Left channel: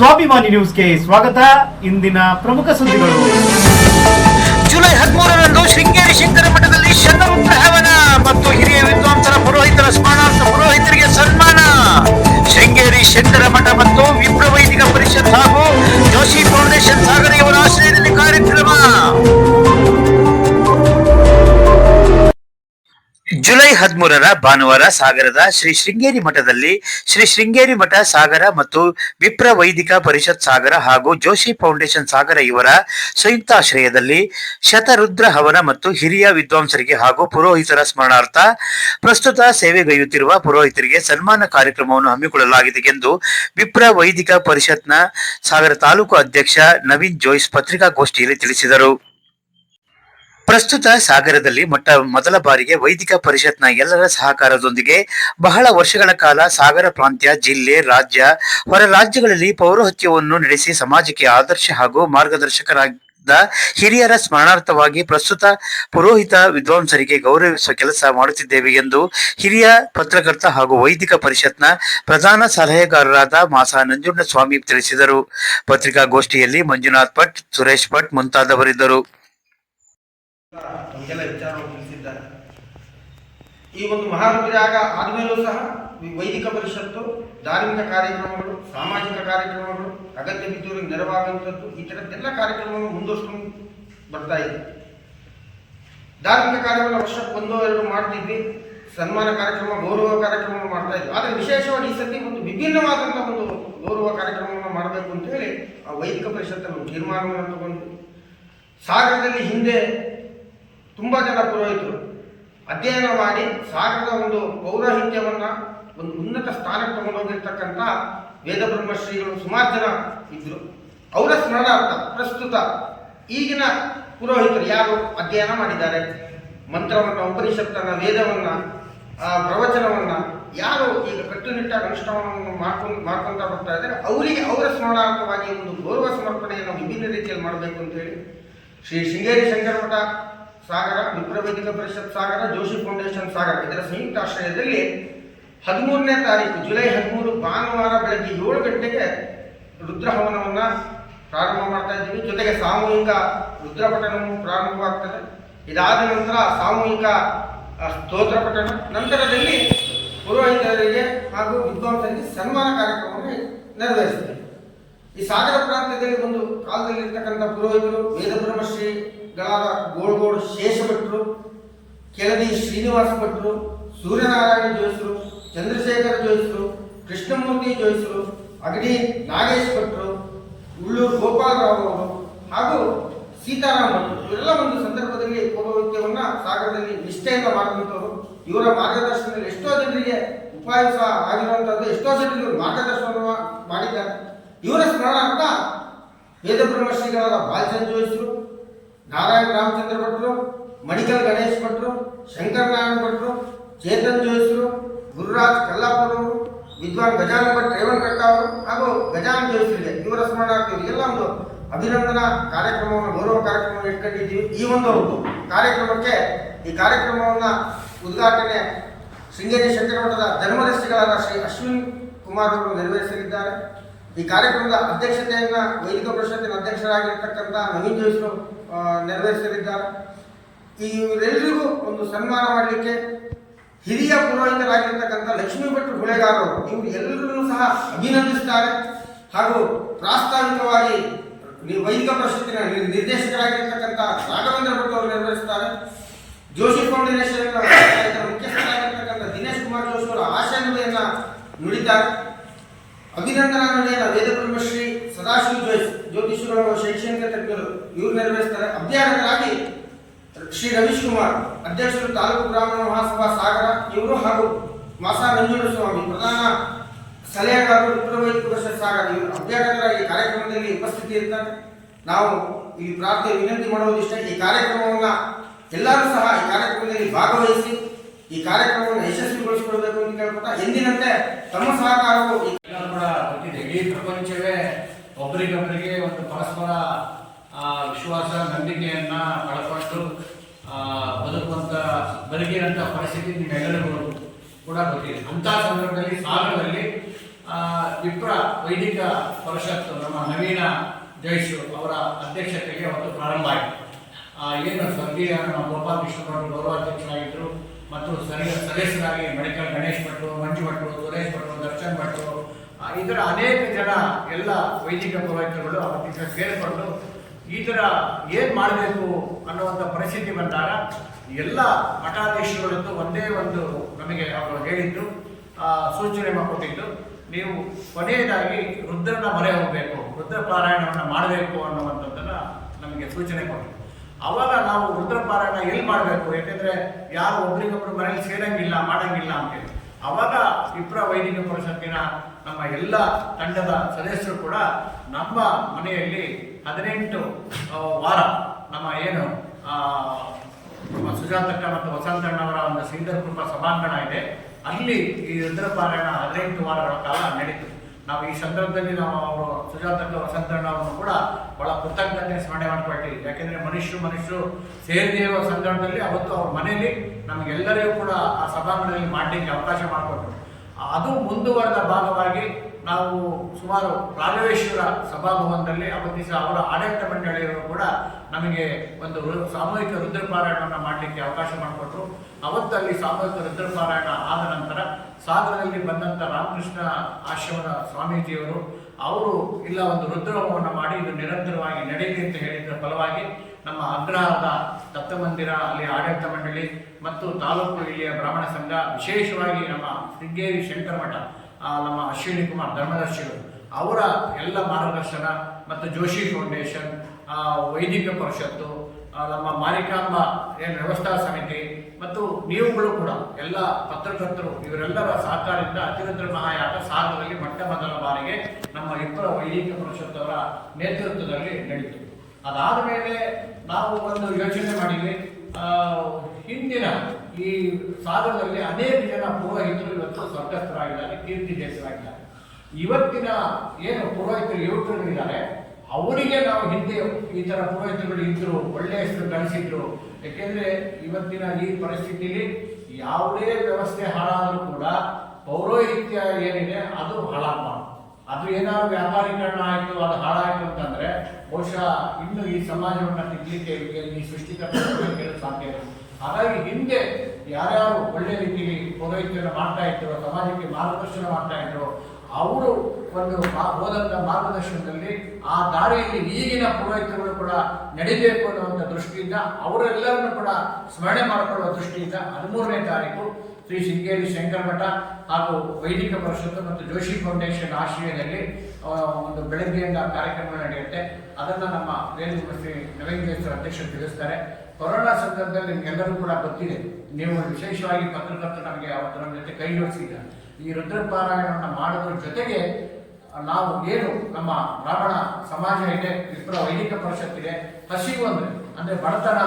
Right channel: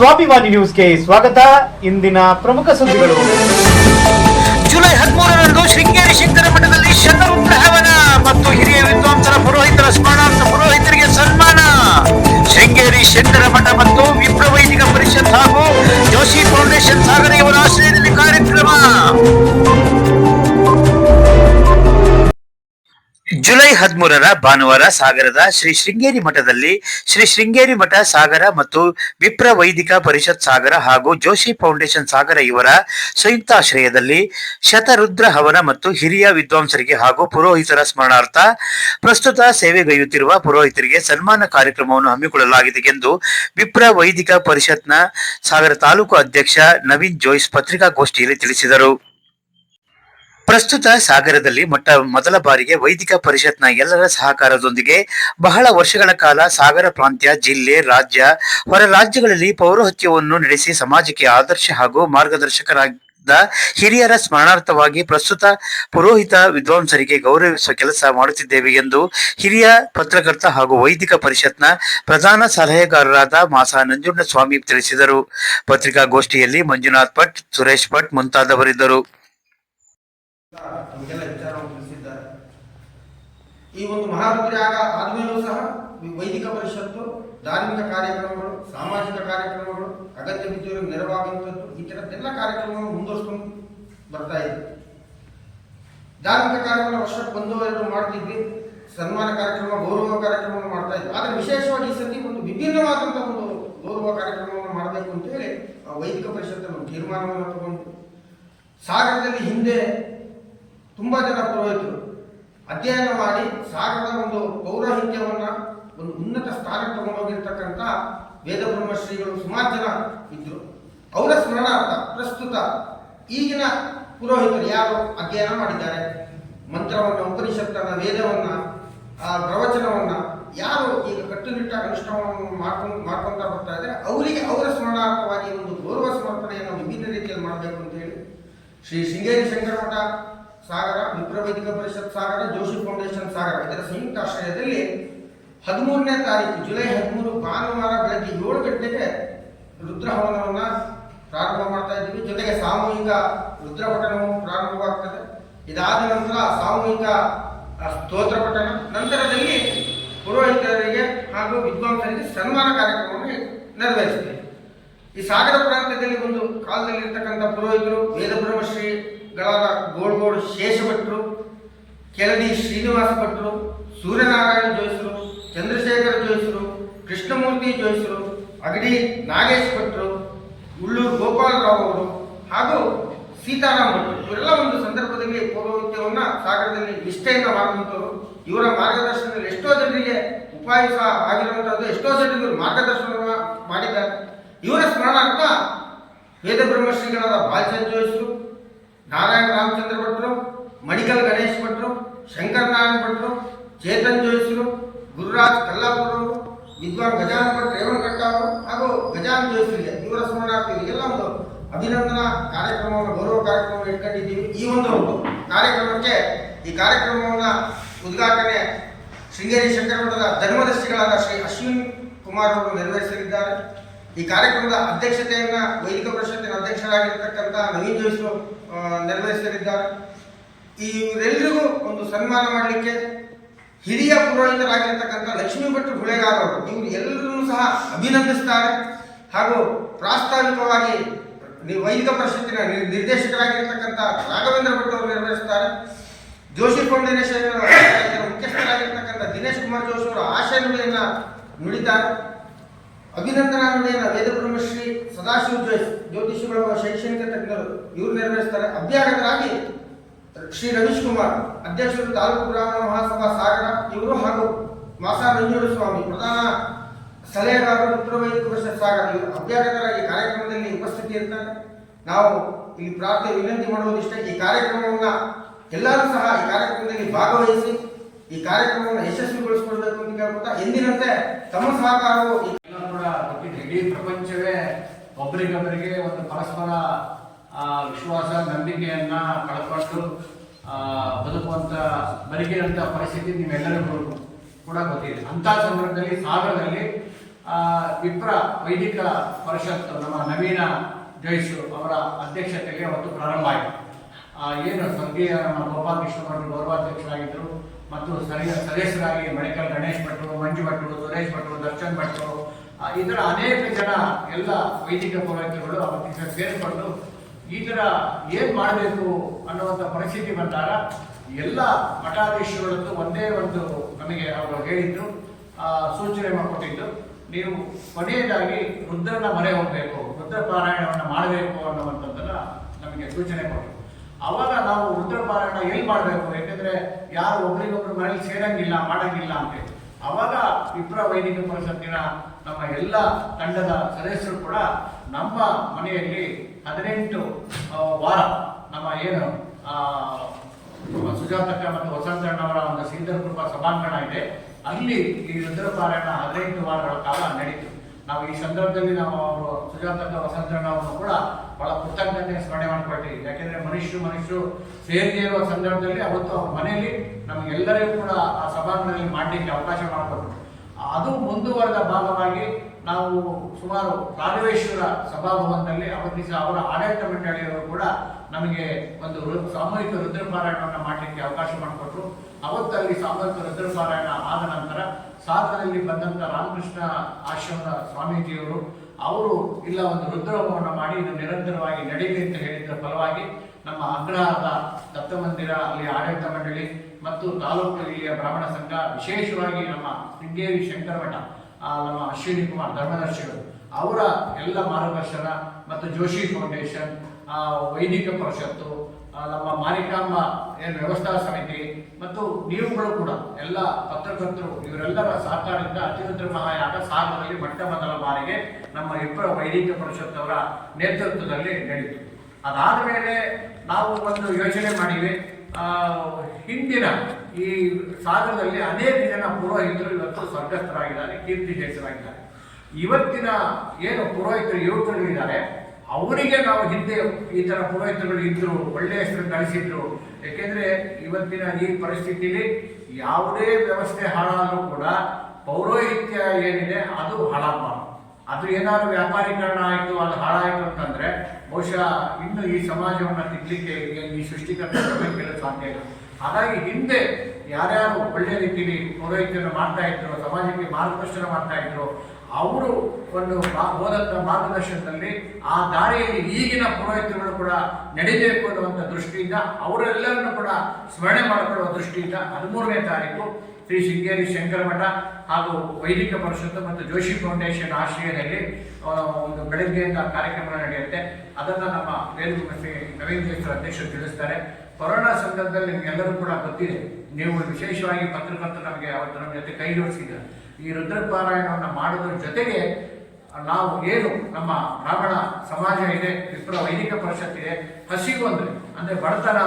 ಸ್ವಾಭಿಮಾನಿ ನ್ಯೂಸ್ಗೆ ಸ್ವಾಗತ. ಇಂದಿನ ಪ್ರಮುಖ ಸುದ್ದಿಗಳು. ಜುಲೈ ಹದಿಮೂರರಂದು ಶೃಂಗೇರಿ ಶಂಕರ ಮಠದಲ್ಲಿ ಶತರುದ್ರ ಹವನ ಮತ್ತು ಹಿರಿಯ ವಿದ್ವಾಂಸರ ಪುರೋಹಿತರ ಸ್ಮರಣಾರ್ಥ ಪುರೋಹಿತರಿಗೆ ಸನ್ಮಾನ. ಶೃಂಗೇರಿ ಶಂಕರ ಮಠ ಮತ್ತು ವಿಪ್ರ ವೈದಿಕ ಪರಿಷತ್ ಹಾಗೂ ಜೋಶಿ ಫೌಂಡೇಶನ್ ಸಾಗರ ಇವರ ಆಶ್ರಯದಲ್ಲಿ ಜುಲೈ ಹದಿಮೂರರ ಭಾನುವಾರ ಸಾಗರದ ಶ್ರೀ ಶೃಂಗೇರಿ ಮಠದಲ್ಲಿ ಶ್ರೀ ಶೃಂಗೇರಿ ಮಠ ಸಾಗರ ಮತ್ತು ವಿಪ್ರ ವೈದಿಕ ಪರಿಷತ್ ಸಾಗರ ಹಾಗೂ ಜೋಶಿ ಫೌಂಡೇಶನ್ ಸಾಗರ ಇವರ ಸಂಯುಕ್ತಾಶ್ರಯದಲ್ಲಿ ಶತರುದ್ರ ಹವನ ಮತ್ತು ಹಿರಿಯ ವಿದ್ವಾಂಸರಿಗೆ ಹಾಗೂ ಪುರೋಹಿತರ ಸ್ಮರಣಾರ್ಥ ಪ್ರಸ್ತುತ ಸೇವೆಗೈಯುತ್ತಿರುವ ಪುರೋಹಿತರಿಗೆ ಸನ್ಮಾನ ಕಾರ್ಯಕ್ರಮವನ್ನು ಹಮ್ಮಿಕೊಳ್ಳಲಾಗಿದೆ ಎಂದು ವಿಪ್ರ ವೈದಿಕ ಪರಿಷತ್ನ ಸಾಗರ ತಾಲೂಕು ಅಧ್ಯಕ್ಷ ನವೀನ್ ಜೋಯ್ಸ್ ಪತ್ರಿಕಾಗೋಷ್ಠಿಯಲ್ಲಿ ತಿಳಿಸಿದರು. ಪ್ರಸ್ತುತ ಸಾಗರದಲ್ಲಿ ಮೊಟ್ಟ ಮೊದಲ ಬಾರಿಗೆ ವೈದಿಕ ಪರಿಷತ್ನ ಎಲ್ಲರ ಸಹಕಾರದೊಂದಿಗೆ ಬಹಳ ವರ್ಷಗಳ ಕಾಲ ಸಾಗರ ಪ್ರಾಂತ್ಯ, ಜಿಲ್ಲೆ, ರಾಜ್ಯ, ಹೊರ ರಾಜ್ಯಗಳಲ್ಲಿ ಪೌರೋಹಿತ್ಯವನ್ನು ನಡೆಸಿ ಸಮಾಜಕ್ಕೆ ಆದರ್ಶ ಹಾಗೂ ಮಾರ್ಗದರ್ಶಕರಾದ ಹಿರಿಯರ ಸ್ಮರಣಾರ್ಥವಾಗಿ ಪ್ರಸ್ತುತ ಪುರೋಹಿತ ವಿದ್ವಾಂಸರಿಗೆ ಗೌರವಿಸುವ ಕೆಲಸ ಮಾಡುತ್ತಿದ್ದೇವೆ ಎಂದು ಹಿರಿಯ ಪತ್ರಕರ್ತ ಹಾಗೂ ವೈದಿಕ ಪರಿಷತ್ನ ಪ್ರಧಾನ ಸಲಹೆಗಾರರಾದ ಮಾಸ ನಂಜುಂಡ ಸ್ವಾಮಿ ತಿಳಿಸಿದರು. ಪತ್ರಿಕಾಗೋಷ್ಠಿಯಲ್ಲಿ ಮಂಜುನಾಥ್ ಭಟ್, ಸುರೇಶ್ ಭಟ್ ಮುಂತಾದವರಿದ್ದರು. ನಮಗೆಲ್ಲ ವಿಚಾರವನ್ನು ತಿಳಿಸಿದ್ದಾರೆ. ಈ ಒಂದು ಮಹಾರುದ್ರಾಗ ಆದಮೇಲೂ ಸಹ ವೈದಿಕ ಪರಿಷತ್ತು, ಧಾರ್ಮಿಕ ಕಾರ್ಯಕ್ರಮಗಳು, ಸಾಮಾಜಿಕ ಕಾರ್ಯಕ್ರಮಗಳು, ಅಗತ್ಯ ಬಿದ್ದವರಿಗೆ ನೆರವಾಗುವಂಥದ್ದು ಈ ಥರದ್ದೆಲ್ಲ ಕಾರ್ಯಕ್ರಮವನ್ನು ಮುಂದುವರ್ಸ್ಕೊಂಡು ಬರ್ತಾ ಇದೆ. ಧಾರ್ಮಿಕ ಕಾರ್ಯಗಳನ್ನ ವರ್ಷಕ್ಕೆ ಒಂದು ಎರಡು ಮಾಡ್ತಿದ್ವಿ, ಸನ್ಮಾನ ಕಾರ್ಯಕ್ರಮ, ಗೌರವ ಕಾರ್ಯಕ್ರಮವನ್ನು ಮಾಡ್ತಾ ಇದ್ವಿ. ಆದರೆ ವಿಶೇಷವಾಗಿ ಈ ಸತಿ ಒಂದು ವಿಭಿನ್ನವಾದಂಥ ಒಂದು ಗೌರವ ಕಾರ್ಯಕ್ರಮವನ್ನು ಮಾಡಬೇಕು ಅಂತ ಹೇಳಿ ಆ ವೈದಿಕ ಪರಿಷತ್ತನ್ನು ತೀರ್ಮಾನವನ್ನು ತಗೊಂಡು ಸಾಗರದಲ್ಲಿ ಹಿಂದೆ ತುಂಬ ಜನ ಪುರೋಹಿತರು. ಅಧ್ಯಯನ ಮಾಡಿ ಸಾಗರದ ಒಂದು ಪೌರೋಹಿತ್ಯವನ್ನು ಒಂದು ಉನ್ನತ ಸ್ಥಾನಕ್ಕೆ ತಗೊಂಡೋಗಿರ್ತಕ್ಕಂಥ ವೇದಬ್ರಹ್ಮಶ್ರೀಗಳು ಸುಮಾರು ಜನ ಇದ್ದರು ಅವರ ಸ್ಮರಣಾರ್ಥ ಪ್ರಸ್ತುತ ಈಗಿನ ಪುರೋಹಿತರು ಯಾರು? ಅಧ್ಯಯನ ಮಾಡಿದ್ದಾರೆ. ಮಂತ್ರವನ್ನು, ಉಪನಿಷತ್ತನ್ನು, ವೇದವನ್ನು ಪ್ರವಚನವನ್ನ ಯಾರು ಈಗ ಕಟ್ಟುನಿಟ್ಟಾಗಿ ಅನುಷ್ಠಾನವನ್ನು ಮಾಡ್ಕೊಂಡು, ಮಾಡ್ಕೊತಾ ಬರ್ತಾ ಇದ್ದಾರೆ, ಅವರಿಗೆ ಅವರ ಸ್ಮರಣಾರ್ಥವಾಗಿ ಒಂದು ಗೌರವ ಸಮರ್ಪಣೆಯನ್ನು ವಿಭಿನ್ನ ರೀತಿಯಲ್ಲಿ ಮಾಡಬೇಕು ಅಂತ ಹೇಳಿ ಶ್ರೀ ಶೃಂಗೇರಿ ಶಂಕರ ಮಠ ಸಾಗರ ವಿಪ್ರವೈದಿಕ ಪರಿಷತ್ ಸಾಗರ, ಜೋಶಿ ಫೌಂಡೇಶನ್ ಸಾಗರ. ಇದರ ಸಂಯುಕ್ತ ಆಶ್ರಯದಲ್ಲಿ ಹದಿಮೂರನೇ ತಾರೀಕು, ಜುಲೈ ಹದಿಮೂರು, ಭಾನುವಾರ ಬೆಳಗ್ಗೆ ಏಳು ಗಂಟೆಗೆ ರುದ್ರಹವನವನ್ನು ಪ್ರಾರಂಭ ಮಾಡ್ತಾ ಇದ್ದೀವಿ. ಜೊತೆಗೆ ಸಾಮೂಹಿಕ ರುದ್ರಪಠಣವು ಪ್ರಾರಂಭವಾಗ್ತದೆ ಇದಾದ ನಂತರ ಸಾಮೂಹಿಕ ಸ್ತೋತ್ರ ಪಠಣ ನಂತರದಲ್ಲಿ ಪುರೋಹಿತರಿಗೆ ಹಾಗೂ ವಿದ್ವಾಂಸರಿಗೆ ಸನ್ಮಾನ ಕಾರ್ಯಕ್ರಮವನ್ನು ನೆರವೇರಿಸಿದೆ. ಈ ಸಾಗರ ಪ್ರಾಂತ್ಯದಲ್ಲಿ ಒಂದು ಕಾಲದಲ್ಲಿ ಇರ್ತಕ್ಕಂಥ ಪುರೋಹಿತರು ವೇದ ಬ್ರಹ್ಮಶ್ರೀಗಳಾದ ಗೋಳ್ಗೋಡ್ ಶೇಷಭಟ್ರು, ಕೆಳದಿ ಶ್ರೀನಿವಾಸ ಭಟ್ರು, ಸೂರ್ಯನಾರಾಯಣ ಜೋಯಿಸರು, ಚಂದ್ರಶೇಖರ ಜೋಯಿಸರು, ಕೃಷ್ಣಮೂರ್ತಿ ಜೋಯಿಸರು, ಅಗಡಿ ನಾಗೇಶ್ ಭಟ್ರು, ಉಳ್ಳೂರು ಗೋಪಾಲರಾವ್ ಅವರು ಹಾಗೂ ಸೀತಾರಾಮ್ ಭಟ್ರು. ಇವರೆಲ್ಲ ಒಂದು ಸಂದರ್ಭದಲ್ಲಿ ಪೌರೋಹಿತ್ಯವನ್ನ ಸಾಗರದಲ್ಲಿ ನಿಷ್ಠೆಯಿಂದ ಮಾಡಿದಂಥವ್ರು. ಇವರ ಮಾರ್ಗದರ್ಶನದಲ್ಲಿ ಎಷ್ಟೋ ಜನರಿಗೆ ಉಪಾಯ ಸಹ ಆಗಿರುವಂಥದ್ದು, ಎಷ್ಟೋ ಜನರಿಗೆ ಇವರು ಮಾರ್ಗದರ್ಶನ ಮಾಡಿದ್ದಾರೆ. ಇವರ ಸ್ಮರಣಾರ್ಥ ವೇದಬ್ರಹ್ಮಶ್ರೀಗಳಾದ ಬಾಲಚಂದ್ರ ಬಾಲಚಂದ್ ಜೋಯಿಸರು ನಾರಾಯಣ ರಾಮಚಂದ್ರ ಭಟ್ರು, ಮಣಿಕಲ್ ಗಣೇಶ್ ಭಟ್ರು, ಶಂಕರ್ ನಾರಾಯಣ ಭಟ್ರು, ಚೇತನ್ ಜೋಯಿಸರು, ಗುರುರಾಜ್ ಕಲ್ಲಾಪುರ್ ಅವರು, ವಿದ್ವಾನ್ ಗಜಾನ್ ಭಟ್ ರೇವಣಕಟ್ಟ ಅವರು ಹಾಗೂ ಗಜಾನ್ ಜೋಯಿಸರಿಗೆ ಇವರ ಸ್ಮರಣಾರ್ಥ ಇವರಿಗೆಲ್ಲ ಒಂದು ಅಭಿನಂದನಾ ಕಾರ್ಯಕ್ರಮವನ್ನು, ಗೌರವ ಕಾರ್ಯಕ್ರಮವನ್ನು ಇಟ್ಕೊಂಡಿದ್ದೀವಿ. ಈ ಒಂದು ಕಾರ್ಯಕ್ರಮಕ್ಕೆ, ಈ ಕಾರ್ಯಕ್ರಮವನ್ನು ಉದ್ಘಾಟನೆ ಶೃಂಗೇರಿ ಶಂಕರಮಠದ ಧರ್ಮದರ್ಶಿಗಳಾದ ಶ್ರೀ ಅಶ್ವಿನ್ ಕುಮಾರ್ ಅವರು ನೆರವೇರಿಸಲಿದ್ದಾರೆ. ಈ ಕಾರ್ಯಕ್ರಮದ ಅಧ್ಯಕ್ಷತೆಯನ್ನ ವೈದಿಕ ಪರಿಷತ್ತಿನ ಅಧ್ಯಕ್ಷರಾಗಿರ್ತಕ್ಕಂಥ ನವೀನ್ ಆ, ನೆರವೇರಿಸಲಿದ್ದಾರೆ. ಇವರೆಲ್ಲರಿಗೂ ಒಂದು ಸನ್ಮಾನ ಮಾಡಲಿಕ್ಕೆ ಹಿರಿಯ ಪುರೋಹಿತರಾಗಿರ್ತಕ್ಕಂಥ ಲಕ್ಷ್ಮೀ ಭಟ್ ಹುಳೆಗಾರರು ಇವರು ಎಲ್ಲರನ್ನೂ ಸಹ ಅಭಿನಂದಿಸ್ತಾರೆ. ಹಾಗೂ ಪ್ರಾಸ್ತಾವಿಕವಾಗಿ ವೈದಿಕ ಪರಿಷತ್ತಿನ ನಿರ್- ನಿರ್ದೇಶಕರಾಗಿರ್ತಕ್ಕಂಥ ರಾಘವೇಂದ್ರ ಭಟ್ ಅವರು ನೆರವೇರಿಸ್ತಾರೆ. ಜೋಶಿ ಫೌಂಡೇಶನ್ ಮುಖ್ಯಸ್ಥರಾಗಿರ್ತಕ್ಕಂಥ ದಿನೇಶ್ ಕುಮಾರ್ ಜೋಶಿ ಅವರ ಆಶಯ ನುಡಿಯನ್ನ ನುಡಿತಾರೆ. ಅಭಿನಂದನಾ ನುಡಿಯನ್ನ ವೇದ ಬ್ರಹ್ಮಶ್ರೀ ಸದಾಶಿವ ಜೋಯ್ಸ್ ಜ್ಯೋತಿಷಿಗಳು, ಶೈಕ್ಷಣಿಕ ತಜ್ಞರು ಇವರು ನೆರವೇರಿಸ್ತಾರೆ. ಅಭ್ಯಾಗತರಾಗಿ ಶ್ರೀ ರವೀಶ್ ಕುಮಾರ್, ಅಧ್ಯಕ್ಷರು ತಾಲೂಕು ಬ್ರಾಹ್ಮಣ ಮಹಾಸಭಾ ಸಾಗರ, ಇವರು ಹಾಗೂ ಮಾಸಾ ನಂಜುಡ ಸ್ವಾಮಿ ಪ್ರಧಾನ ಸಲಹೆಗಾರರು ವಿಪ್ರವೈದಿಕ ಪರಿಷತ್ ಸಾಗರ, ಇವರು ಈ ಕಾರ್ಯಕ್ರಮದಲ್ಲಿ ಉಪಸ್ಥಿತಿ ಇರ್ತಾರೆ. ನಾವು ಇಲ್ಲಿ ಪ್ರಾರ್ಥನೆ ವಿನಂತಿ ಮಾಡುವುದಿಷ್ಟ, ಈ ಕಾರ್ಯಕ್ರಮವನ್ನು ಎಲ್ಲರೂ ಸಹ ಈ ಕಾರ್ಯಕ್ರಮದಲ್ಲಿ ಭಾಗವಹಿಸಿ, ಈ ಕಾರ್ಯಕ್ರಮವನ್ನು ಯಶಸ್ವಿಗೊಳಿಸಿಕೊಳ್ಬೇಕು ಅಂತ ಕೇಳ್ಕೊತಾ, ಎಂದಿನಂತೆ ತಮ್ಮ ಸಹಕಾರವು ಈ ಇಡೀ ಪ್ರಪಂಚವೇ ಒಬ್ಬರಿಗೊಬ್ಬರಿಗೆ ಒಂದು ಪರಸ್ಪರ ವಿಶ್ವಾಸ, ನಂಬಿಕೆಯನ್ನ ಕಳ್ಕೊಂಡು ಬದುಕುವಂಥ ಬದುಕಿರುವಂತ ಪರಿಸ್ಥಿತಿ ನೀವೆಲ್ಲರಿಗೂ ಕೂಡ ಗೊತ್ತಿದೆ. ಅಂತ ಸಂದರ್ಭದಲ್ಲಿ ಸಾಗರದಲ್ಲಿ ವಿಪ್ರ ವೈದಿಕ ಪರಿಷತ್ತು ನಮ್ಮ ನವೀನ ಜೈಸು ಅವರ ಅಧ್ಯಕ್ಷತೆಗೆ ಅವತ್ತು ಪ್ರಾರಂಭ ಆಯಿತು. ಏನು ಸ್ವರ್ಗೀಯ ನಮ್ಮ ಗೋಪಾಲ ಗೌರವಾಧ್ಯಕ್ಷರಾಗಿದ್ದರು ಮತ್ತು ಸರಿಯ ಸದಸ್ಯರಾಗಿ ಮಡಿಕಲ್ ಗಣೇಶ್ ಭಟ್ರು ಮಂಜು ಭಟ್ರು ಸುರೇಶ್ ಭಟ್ರು ದರ್ಶನ್ ಭಟ್ರು ಇದರ ಅನೇಕ ಜನ ಎಲ್ಲ ವೈದಿಕ ಪುರೋಹಿತರುಗಳು ಅವತ್ತಿನ ಸೇರಿಕೊಂಡು ಈ ಥರ ಏನು ಮಾಡಬೇಕು ಅನ್ನುವಂಥ ಪರಿಸ್ಥಿತಿ ಬಂದಾಗ ಎಲ್ಲ ಮಠಾಧೀಶಗಳಂತೂ ಒಂದೇ ಒಂದು ನಮಗೆ ಅವರು ಹೇಳಿದ್ದು ಸೂಚನೆ ಕೊಟ್ಟಿದ್ದು ನೀವು ಕೊನೆಯದಾಗಿ ರುದ್ರನ ಮೊರೆ ಹೋಗಬೇಕು ರುದ್ರ ಪಾರಾಯಣವನ್ನು ಮಾಡಬೇಕು ಅನ್ನುವಂಥದ್ದನ್ನು ನಮಗೆ ಸೂಚನೆ ಕೊಟ್ಟರು ಅವಾಗ ನಾವು ರುದ್ರ ಪಾರಾಯಣ ಎಲ್ಲಿ ಮಾಡಬೇಕು? ಏಕೆಂದರೆ ಯಾರು ಒಬ್ರಿಗೊಬ್ರು ಮನೇಲಿ ಸೇರಂಗಿಲ್ಲ, ಮಾಡಂಗಿಲ್ಲ ಅಂತೇಳಿ ಅವಾಗ ಇಬ್ಬರ ವೈದಿಕ ಪರಿಷತ್ತಿನ ನಮ್ಮ ಎಲ್ಲ ತಂಡದ ಸದಸ್ಯರು ಕೂಡ ನಮ್ಮ ಮನೆಯಲ್ಲಿ ಹದಿನೆಂಟು ವಾರ ನಮ್ಮ ಏನು ಸುಜಾತಕ್ಕ ಮತ್ತು ವಸಂತಣ್ಣವರ ಒಂದು ಸಿಂಧರ್ ಕೃಪಾ ಸಭಾಂಗಣ ಇದೆ. ಅಲ್ಲಿ ಈ ರುದ್ರಪಾರಾಯಣ ಹದಿನೆಂಟು ವಾರಗಳ ಕಾಲ ನಡೀತು. ನಾವು ಈ ಸಂದರ್ಭದಲ್ಲಿ ನಾವು ಸುಜಾತಕ್ಕ ವಸಂತಣ್ಣವರನ್ನು ಕೂಡ ಬಹಳ ಕೃತಜ್ಞತೆ ಸ್ಮರಣೆ ಮಾಡಿಕೊಳ್ತೀವಿ. ಯಾಕೆಂದರೆ ಮನುಷ್ಯರು ಮನುಷ್ಯರು ಸೇರದೇ ಇರುವ ಸಂದರ್ಭದಲ್ಲಿ ಅವತ್ತು ಅವ್ರ ಮನೆಯಲ್ಲಿ ನಮಗೆಲ್ಲರಿಗೂ ಕೂಡ ಆ ಸಭಾಂಗಣದಲ್ಲಿ ಮಾಡಲಿಕ್ಕೆ ಅವಕಾಶ ಮಾಡಿಕೊಟ್ರು. ಅದು ಮುಂದುವರೆದ ಭಾಗವಾಗಿ ನಾವು ಸುಮಾರು ರಾಘವೇಶ್ವರ ಸಭಾಭವನದಲ್ಲಿ ಅವತ್ತಿಸ ಅವರ ಆಡಳಿತ ಮಂಡಳಿಯವರು ಕೂಡ ನಮಗೆ ಒಂದು ಸಾಮೂಹಿಕ ರುದ್ರಪಾರಾಯಣವನ್ನು ಮಾಡಲಿಕ್ಕೆ ಅವಕಾಶ ಮಾಡಿಕೊಟ್ರು. ಅವತ್ತಲ್ಲಿ ಸಾಮೂಹಿಕ ರುದ್ರಪಾರಾಯಣ ಆದ ನಂತರ ಸಾಗರದಲ್ಲಿ ಬಂದಂಥ ರಾಮಕೃಷ್ಣ ಆಶ್ರಮದ ಸ್ವಾಮೀಜಿಯವರು, ಅವರು ಇಲ್ಲ ಒಂದು ರುದ್ರಹೋಮವನ್ನು ಮಾಡಿ ಇದು ನಿರಂತರವಾಗಿ ನಡೆಯಲಿ ಅಂತ ಹೇಳಿದ ಫಲವಾಗಿ ನಮ್ಮ ಅಗ್ರಹಾರದ ದತ್ತಮಂದಿರ, ಅಲ್ಲಿ ಆಡಳಿತ ಮಂಡಳಿ ಮತ್ತು ತಾಲೂಕು ಇಲ್ಲಿಯ ಬ್ರಾಹ್ಮಣ ಸಂಘ ವಿಶೇಷವಾಗಿ ನಮ್ಮ ಶೃಂಗೇರಿ ಶಂಕರ ಮಠ ಆ, ನಮ್ಮ ಅಶ್ವಿನಿ ಕುಮಾರ್ ಧರ್ಮದರ್ಶಿಗಳು. ಅವರ ಎಲ್ಲ ಮಾರ್ಗದರ್ಶನ ಮತ್ತು ಜೋಶಿ ಫೌಂಡೇಶನ್ ವೈದಿಕ ಪರಿಷತ್ತು ನಮ್ಮ ಮಾರಿಕಾಂಬ ಏನು ವ್ಯವಸ್ಥಾ ಸಮಿತಿ ಮತ್ತು ನೀವುಗಳು ಕೂಡ ಎಲ್ಲ ಪತ್ರಕರ್ತರು ಇವರೆಲ್ಲರ ಸಹಕಾರದಿಂದ ಅತಿರುದ್ರ ಮಹಾಯಾಗ ಸಾಗರದಲ್ಲಿ ಮೊಟ್ಟ ಮೊದಲ ಬಾರಿಗೆ ನಮ್ಮ ಇಬ್ಬರ ವೈದಿಕ ಪರಿಷತ್ ಅವರ ನೇತೃತ್ವದಲ್ಲಿ ನಡೆಯಿತು ಅದಾದ ಮೇಲೆ ನಾವು ಒಂದು ಯೋಚನೆ ಮಾಡಿವೆ ಹಿಂದಿನ ಈ ಸಾಗರದಲ್ಲಿ ಅನೇಕ ಜನ ಪುರೋಹಿತರು ಇವತ್ತು ಸ್ವರ್ಗಸ್ಥರಾಗಿದ್ದಾರೆ ಕೀರ್ತಿ ಜಯಿಸಲಾಗಿದ್ದಾರೆ ಇವತ್ತಿನ ಏನು ಪುರೋಹಿತರು ಯುವಕರುಗಳಿದ್ದಾರೆ ಅವರಿಗೆ ನಾವು ಹಿಂದೆ ಈ ಥರ ಪುರೋಹಿತರುಗಳು ಇದ್ದರು ಒಳ್ಳೆಯ ಹೆಸರು ಗಳಿಸಿದ್ರು ಏಕೆಂದರೆ ಇವತ್ತಿನ ಈ ಪರಿಸ್ಥಿತಿಯಲ್ಲಿ ಯಾವುದೇ ವ್ಯವಸ್ಥೆ ಹಾಳಾದರೂ ಕೂಡ ಪೌರೋಹಿತ್ಯ ಏನಿದೆ, ಅದು ಹಾಳಾಗಬಾರ್ದು. ಅದು ಏನಾದರೂ ವ್ಯಾಪಾರೀಕರಣ ಆಯಿತು, ಅದು ಹಾಳಾಯಿತು ಅಂತಂದ್ರೆ ಬಹುಶಃ ಇನ್ನು ಈ ಸಮಾಜವನ್ನು ತಿದ್ದಲಿಕ್ಕೆ ಈ ಸೃಷ್ಟಿಕರ್ತಕ್ಕೆ ಸಾಧ್ಯ ಇಲ್ಲ. ಹಾಗಾಗಿ ಹಿಂದೆ ಯಾರ್ಯಾರು ಒಳ್ಳೆ ರೀತಿಯಲ್ಲಿ ಪೌರೋಹಿತ್ಯವನ್ನು ಮಾಡ್ತಾ ಇದ್ರು, ಸಮಾಜಕ್ಕೆ ಮಾರ್ಗದರ್ಶನ ಮಾಡ್ತಾ ಇದ್ರು, ಅವರು ಒಂದು ಹೋದಂಥ ಮಾರ್ಗದರ್ಶನದಲ್ಲಿ ಆ ದಾರಿಯಲ್ಲಿ ಈಗಿನ ಪುರೋಹಿತರುಗಳು ಕೂಡ ನಡಿಬೇಕು ಅನ್ನುವಂಥ ದೃಷ್ಟಿಯಿಂದ ಅವರೆಲ್ಲರನ್ನು ಕೂಡ ಸ್ಮರಣೆ ಮಾಡಿಕೊಳ್ಳುವ ದೃಷ್ಟಿಯಿಂದ ಹದಿಮೂರನೇ ತಾರೀಕು ಶ್ರೀ ಶೃಂಗೇರಿ ಶಂಕರ ಮಠ ಹಾಗೂ ವೈದಿಕ ಪರಿಷತ್ತು ಮತ್ತು ಜೋಶಿ ಫೌಂಡೇಶನ್ ಆಶ್ರಯದಲ್ಲಿ ಒಂದು ಬೆಳಗ್ಗೆಯಿಂದ ಕಾರ್ಯಕ್ರಮ ನಡೆಯುತ್ತೆ. ಅದನ್ನು ನಮ್ಮ ವೇದಮೂರ್ತಿ ನವೀನ್ ಜೋಶಿ ಅಧ್ಯಕ್ಷರು ತಿಳಿಸ್ತಾರೆ. ಕೊರೋನಾ ಸಂದರ್ಭದಲ್ಲಿ ನಿಮ್ಗೆಲ್ಲರೂ ಕೂಡ ಗೊತ್ತಿದೆ, ನೀವು ವಿಶೇಷವಾಗಿ ಪತ್ರಕರ್ತ ನಮಗೆ ಅವತ್ತು ನಮ್ಮ ಜೊತೆ ಕೈ ಜೋಡಿಸಿದ ಈ ರುದ್ರಪಾರಾಯಣವನ್ನು ಮಾಡೋದ್ರ ಜೊತೆಗೆ ನಾವು ಏನು ನಮ್ಮ ಬ್ರಾಹ್ಮಣ ಸಮಾಜ ಇದೆ, ವಿಪ್ರ ವೈದಿಕ ಪರಿಷತ್ ಇದೆ ಹಸಿವು ಅಂದ್ರೆ ಅಂದ್ರೆ ಬಡತನ.